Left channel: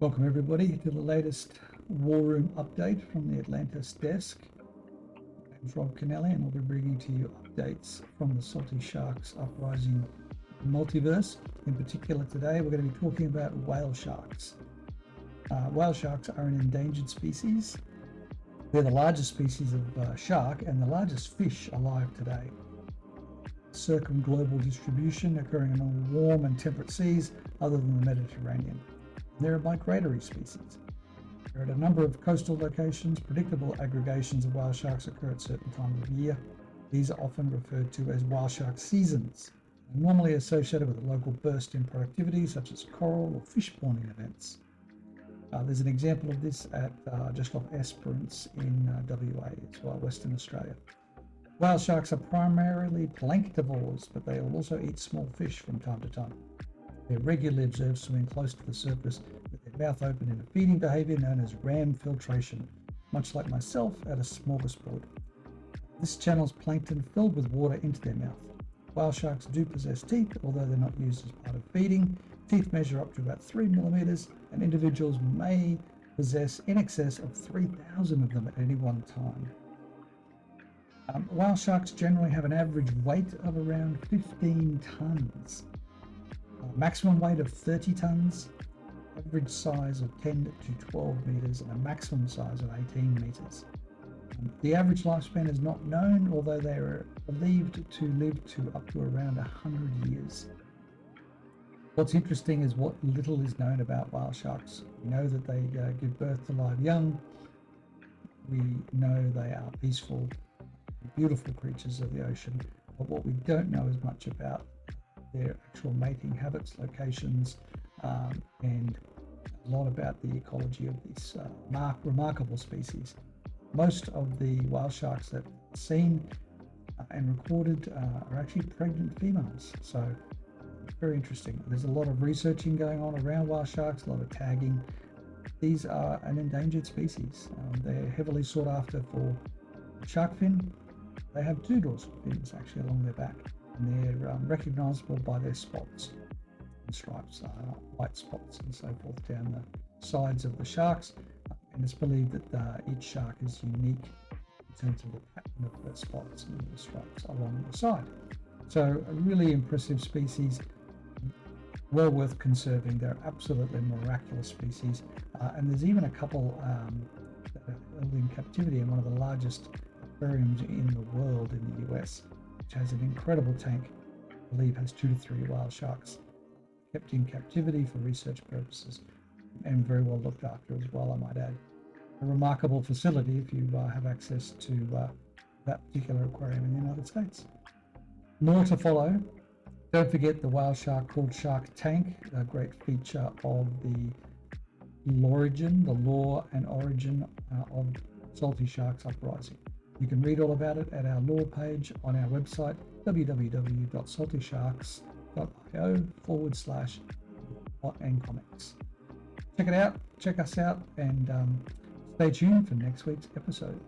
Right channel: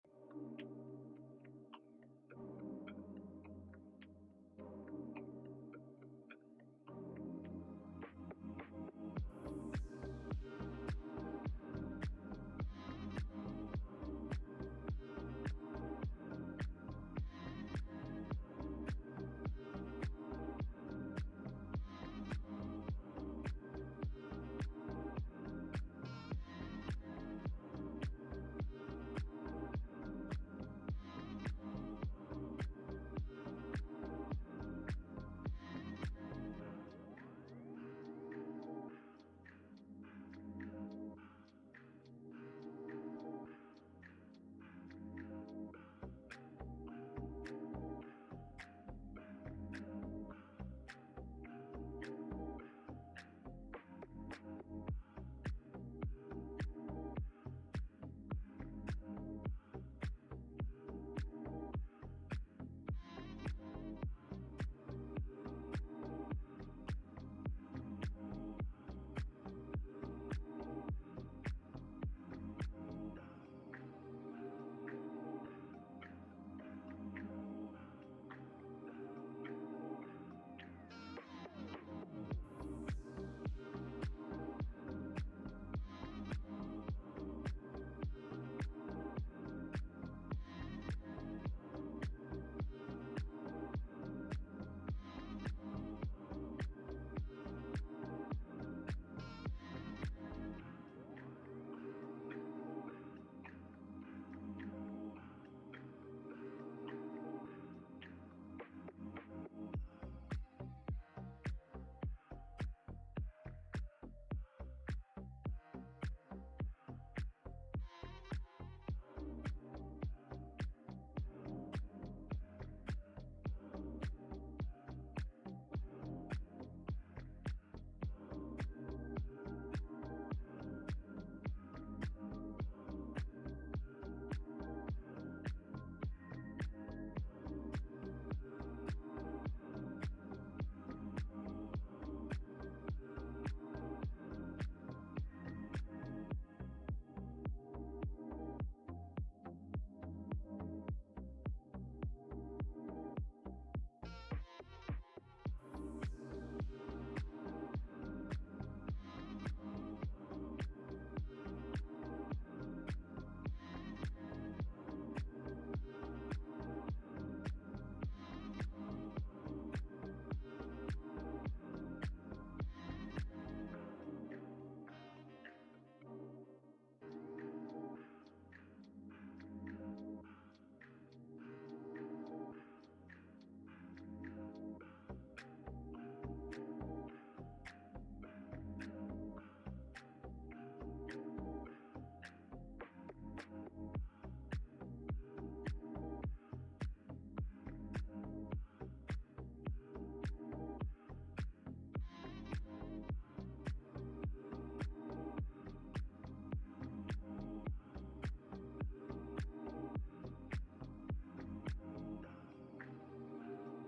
Welcome everybody to the latest War Room update from the Atlantis desk. I'm Rob Kennelly and I'll be bringing to you updates from the Salty Sharks Uprising multiverse. In particular today we're going to be talking about whale sharks. Whale sharks are an endangered species. They're the largest species of shark and the largest fish alive today. Circumglobal distribution occurring in all warm and temperate seas other than the Mediterranean. They're a migratory species. There are a number of coastal locations. Predictable aggregations of whale sharks occur at certain times of year. These are often referred to as whale shark seasons, and normally associated with a local burst in productivity such as coral or fish spawning events. There's an example of this at just off Esperance in WA as well, Western Australia. Whale sharks are primarily planktivores, but they will also eat small fish from time to time. They're regularly observed swimming close to the surface with their mouth open in a feeding behaviour known as ram filtration, much like myself at a smorgasbord. This channels plankton filled with water into their mouth. Whale sharks do possess teeth, although they're not used as part of feeding. Teeth measure up to about 3 millimeters, and individuals may possess in excess of 3,000 of them at any one time. Whale sharks generally have an average weight of around 15 tons. Maximum weight of 30 tons, average size of 10 to 12 meters, and a maximum size of 18 meters. The average lifespan is not known, although they are believed to live to up to around 100 years. What's interesting is what little is known about whale sharks. We know that they give birth to live young. We know they are peaceful, beautiful creatures of the ocean, but what we don't know as much about their actual mating habits, locations, and a lot about the ecology of this remarkable species. Most of the whale sharks that are seen and recorded are actually pregnant females, so very interesting. There's a lot of researching going on around whale sharks, a lot of tagging. These are an endangered species. They're heavily sought after for shark fin. They have two dorsal fins actually along their back, and they're recognizable by their spots and stripes, white spots and so forth down the sides of the sharks. And it's believed that each shark is unique in terms of the pattern of the spots and the stripes along the side. So a really impressive species, well worth conserving. They're absolutely miraculous species, and there's even a couple that are held in captivity in one of the largest aquariums in the world in the US, which has an incredible tank. I believe has 2 to 3 whale sharks kept in captivity for research purposes, and very well looked after as well, I might add. A remarkable facility if you have access to that particular aquarium in the United States. More to follow. Don't forget the whale shark called Shark Tank, a great feature of the lore and origin of Salty Sharks Uprising. You can read all about it at our lore page on our website, www.saltySharks.io/plot and comics. Check it out, check us out, and stay tuned for next week's episode.